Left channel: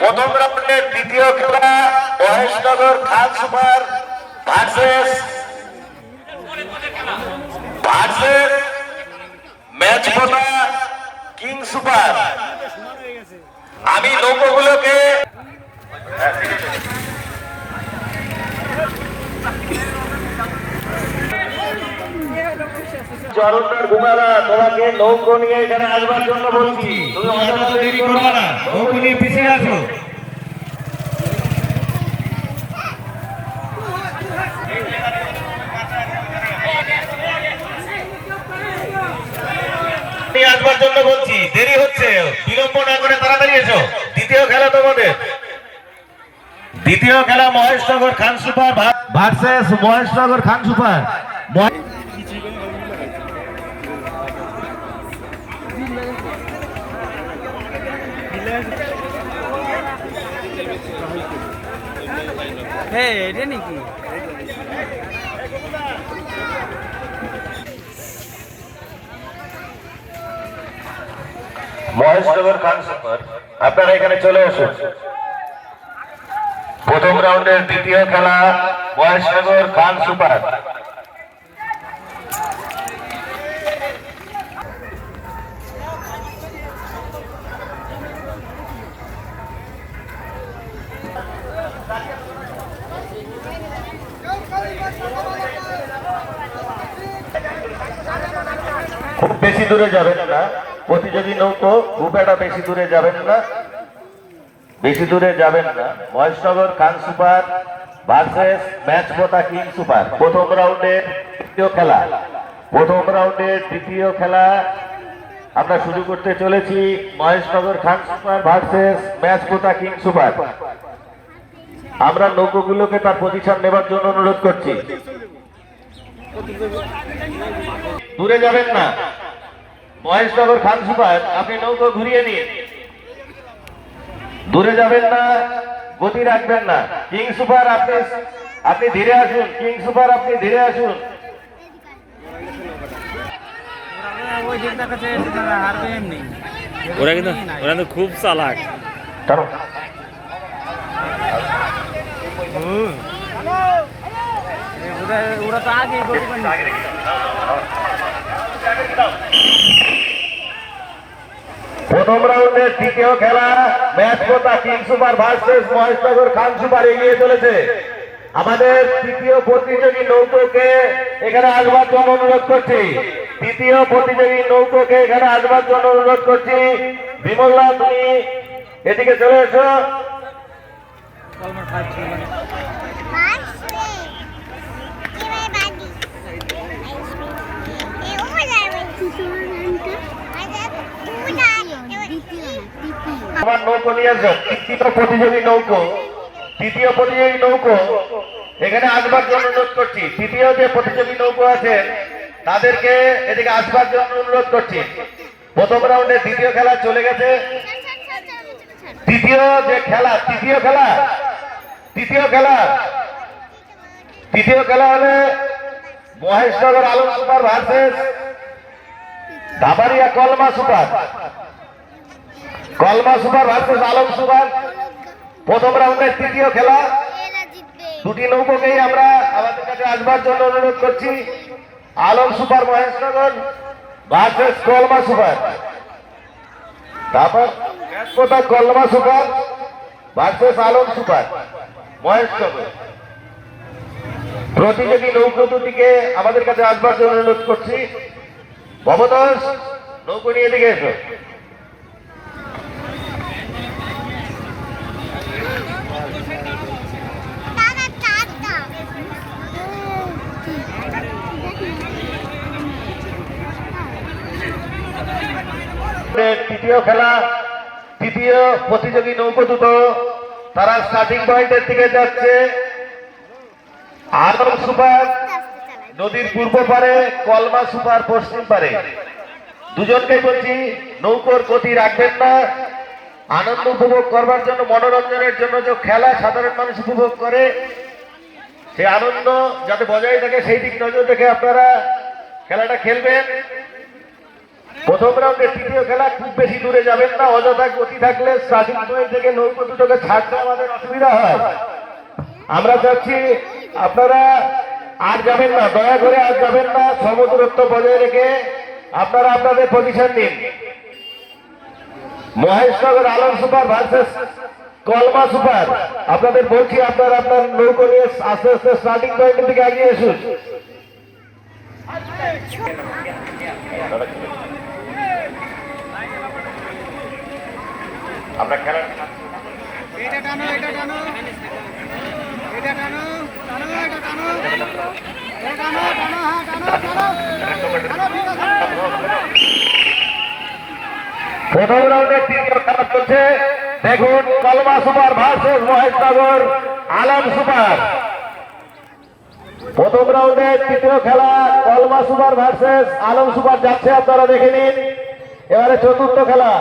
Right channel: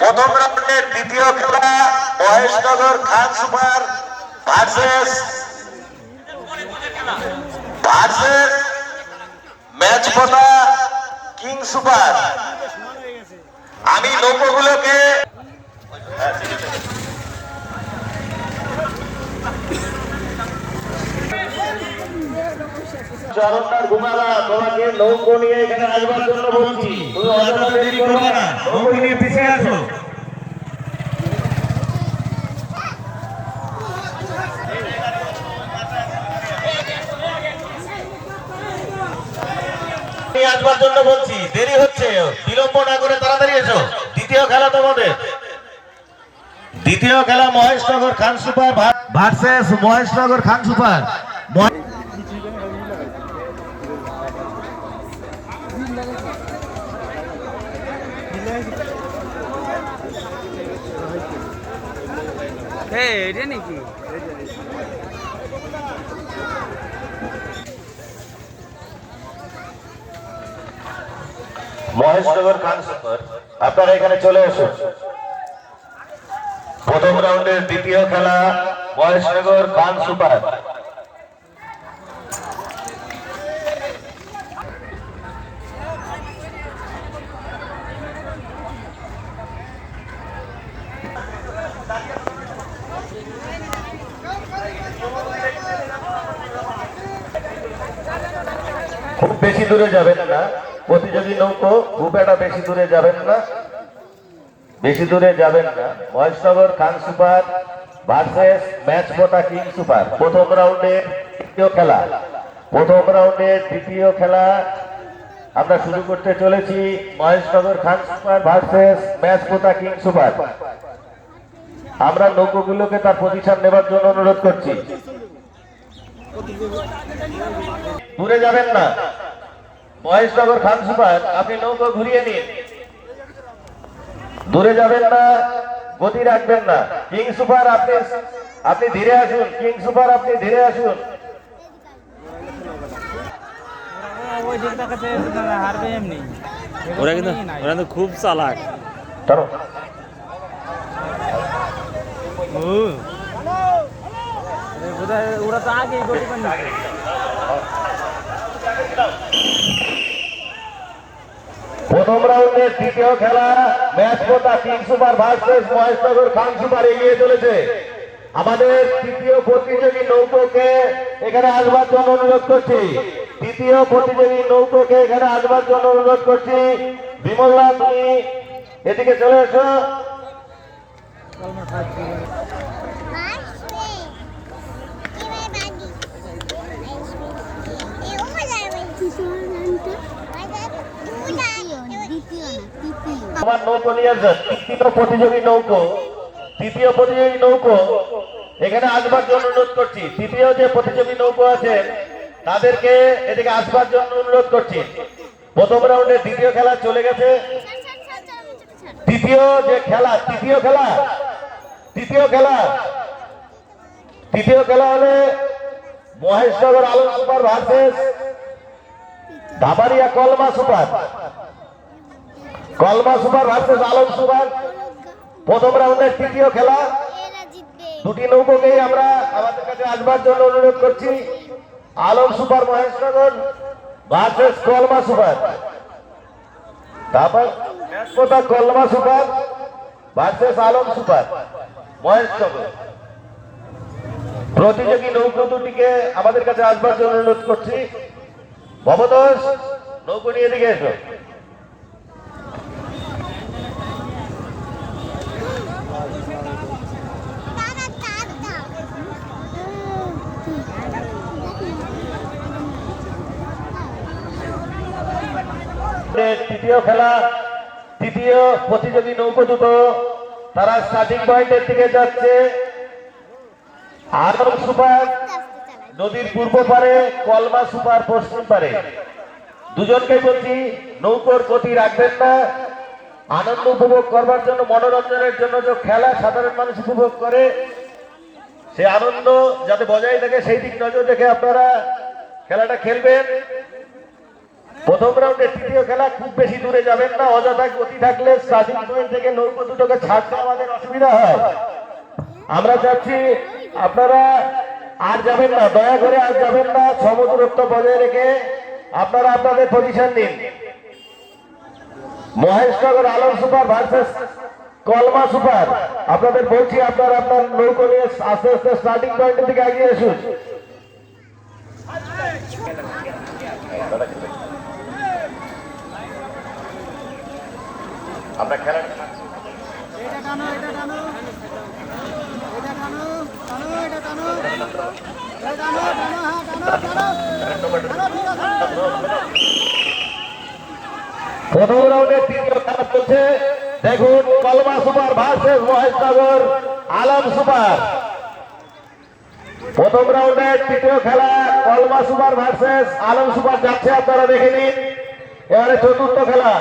প্রথম রাউন্ডের দ্বিতীয় খেলা Maheshnagar Khan super versus versus match বলা কিং সুপার। আমি নৌকোগুলোকে চরণদার ঘুমালা তোমাকে নৌকো নিয়ে এখানে আসবার জন্য বলছি। তুমি অযথা দেরি করবে না। নৌকো নিয়ে পিছিয়ে আসো। আসবার জন্য বলছি দেরি হচ্ছে বিলম্ব না করে তাড়াতাড়ি এসো। দ্বিতীয় খেলা তোমাদের। দ্বিতীয় খেলা Maheshnagar Khan super versus Maheshnagar Khan super. হ্যাঁ এটা আপনারা এখানে চলে আসুন। প্রথম রাউন্ডের দ্বিতীয় খেলা মহেশনগর খান সুপার। খুব বেশি দূরে যাবেন না। প্রতিযোগী নৌকো একটা বেশি দূরে যাবেন না। বেশি দূরে যাবেন না। Maheshnagar Khan super versus match মোটা কিং সুপার। প্রথম রাউন্ডের তৃতীয় খেলা। প্রথম রাউন্ডের তৃতীয় খেলা আমরা শুরু করতে চলেছি। Maheshnagar Khan super versus match মোটা কিং সুপার। আমরা নৌকোগুলোকে তার পজিশন নেবার জন্য অনুরোধ করছি। দূরে যাবেন না। মহেশনগর খান সুপার আপনি নৌকো ঘুরিয়ে নিন। দূরে যাবেন না গতি রাখবেন না। কিং সুপার আপনি আপনি ধীরে আসুন। কিং সুপার আপনি ধীরে আসুন। ওরা কিন্তু ওরা কিন্তু খুব চালাক। চলো। প্রথম রাউন্ডের তৃতীয় খেলা, ম্যাচ পোতা king super versus Maheshnagar Khan super এগিয়ে চলেছে। আমাদের তৃতীয় প্রতিযোগী নৌকোকে এখানে আসবার জন্য অনুরোধ করছি। তৃতীয় প্রতিযোগী নৌকোকে এখানে আসবার জন্য অনুরোধ করছি। বিমল্লা তুমি এদিকে চলে এসো। ফাইভ নৌকো নিয়ে আসো। তৃতীয় প্রতিযোগী নৌকো। তৃতীয় প্রতিযোগী নৌকো। এখানে আসবার জন্য অনুরোধ করছি। তৃতীয় যে প্রতিযোগী নৌকো আছে তাদেরকে এদিকে আসবার জন্য অনুরোধ করছি। প্রথম রাউন্ডে দ্বিতীয় খেলা চলে গেছে। তৃতীয় যে খেলা, তৃতীয় খেলা তৃতীয় খেলা। তৃতীয় খেলা হলে Maheshnagar Alam super versus ধাবারিয়া Kalma super. কলমা সুপার ভার্সেস আলম সুপার। প্রথম রাউন্ডের তৃতীয় খেলা। দুটি নৌকোকেই আমরা আমাদের কাছে আসবার জন্য অনুরোধ করছি। Alam super Maheshnagar versus Kalma super. তারপর কোথা Kalma super versus Alam super Maheshnagar প্রতিযোগী নৌকো দুটিকে আমাদের কাছে আসবার জন্য অনুরোধ করছি। ভবতোষ নৌকো নিয়ে দিকে এসো। তৃতীয় খেলা, তৃতীয় প্রতিযোগী নৌকো দুটো তারা স্টার্টিং পয়েন্টের দিকে যাচ্ছে। আদম সুপার নদীর পূর্ব পারে, কলমা সুপার পশ্চিম পারে। দুজনকেই বলছি, নৌকোর গতি রাখবেন না। আনন্দ উপভোগ করবার জন্য, মনোরঞ্জনের জন্য যে খেলা সাধারণ মানুষ উপভোগ করে, সেই আনন্দ যাতে বজায় থাকে, সেই দিক নজর রেখে আপনারা খেলাটা খেলবেন। প্রথম রাউন্ডে তৃতীয় খেলা, খুব বেশি দূরে যাবেন না, অযথা গতি থাকলে থেকে নৌকো দুটোকে ছাড়তে আমাদের অসুবিধা হয়। আমরা চাচ্ছি আপনারা আর যাবেন না, দয়া করে আর যাবেন না, সমদূরত্ব বজায় রেখে আপনারা আপনাদের পজিশন দিন Maheshnagar Alam super versus Kalma super. আপনাদের বলছি আপনারা আপনার নৌকো নিয়ে আস্তে আস্তে স্টার্টিং পয়েন্টের দিকে এগিয়ে এসুন। আপনার খেলা প্রথম রাউন্ডে তৃতীয় খেলা চলছে। দেখুন, Kalma super versus Maheshnagar, Alam super. প্রথম রাউন্ডে তৃতীয় খেলা, কলমা সুপার ভার্সেস, আলম সুপার যাচ্ছে, আপনারা দেখে নিন। এবারে চতুর্থ খেলা।